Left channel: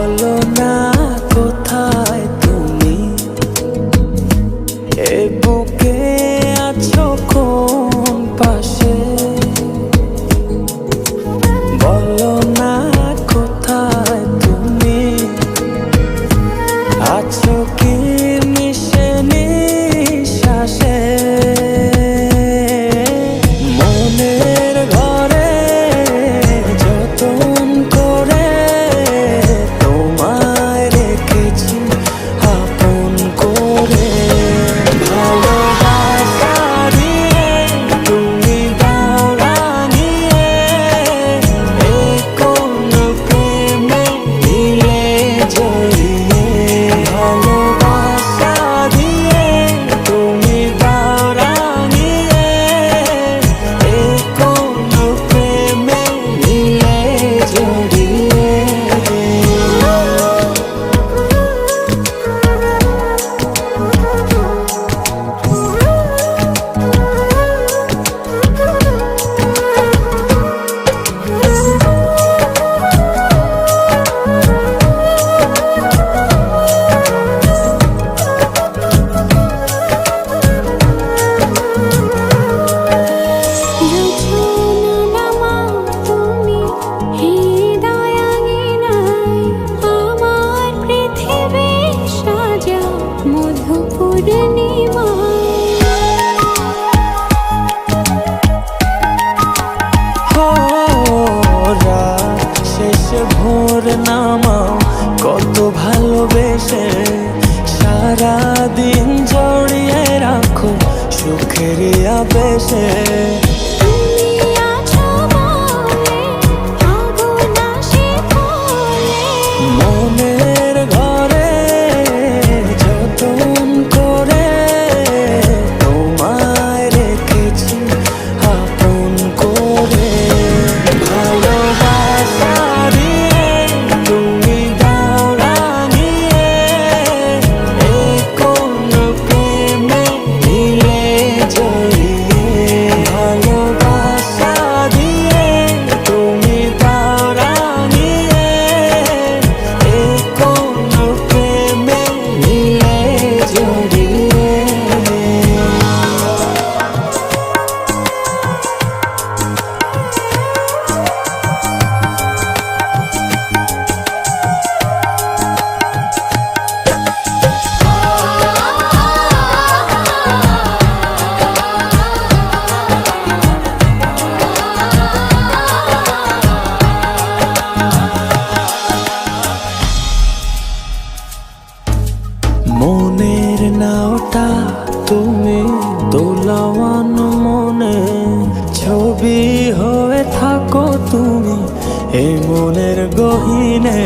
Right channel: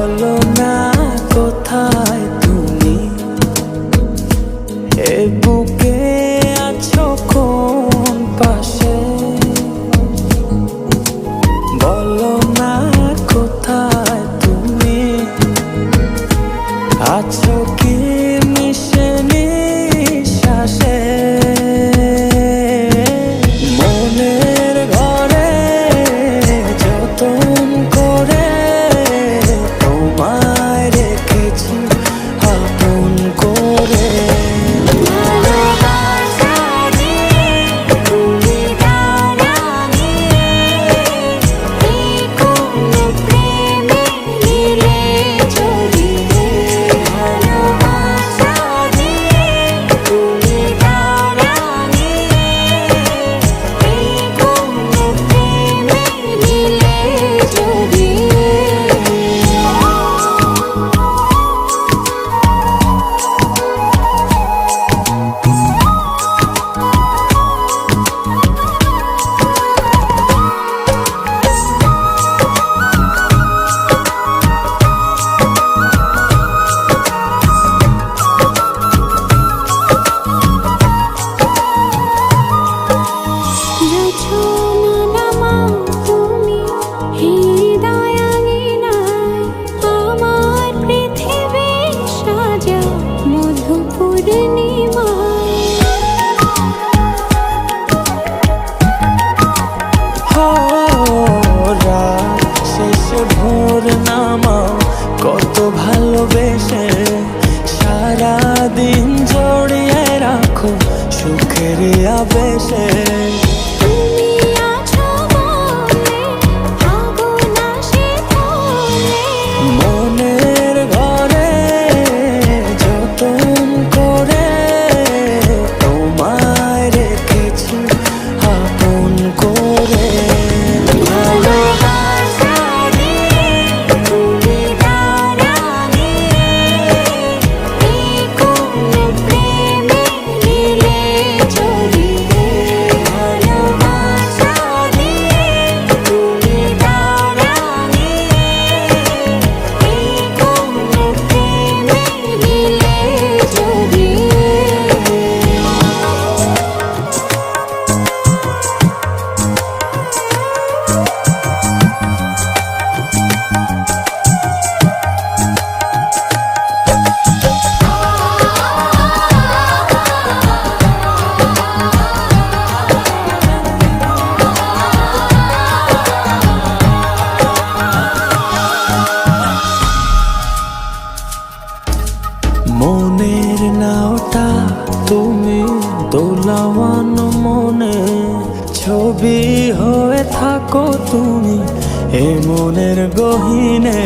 বলো না কোথায় তুমি, এ বুকে আছো কোন পাশে। বলো না কোথায় তুমি, আছো কি মিশে নিঃশ্বাসে। মনের ঘরে যতন করে তোমায় রেখেছি আপন করে। ভালোবাসা দিয়ে তুমি দাও রাঙিয়ে, এই কোন প্রেমে দিলে জড়িয়ে। ভালোবাসা দিয়ে তুমি দাও রাঙিয়ে, এই কোন প্রেমে দিলে জড়িয়ে। রাত শেষে ভোর নামাও কত ভালোবেসে, সারাদিন জড়িয়ে রাখো সুখের আবেশে। মনের ঘরে যতন করে তোমায় রেখেছি আপন করে। ভালোবাসা দিয়ে তুমি দাও রাঙিয়ে, এই কোন প্রেমে দিলে জড়িয়ে। ভালোবাসা দিয়ে তুমি দাও রাঙিয়ে, এই কোন প্রেমে দিলে জড়িয়ে। মনের নাওটা তুমি দোলাওয়ান মনে, ছবি হয়ে থাকো তুমি এ মনের গহীনে।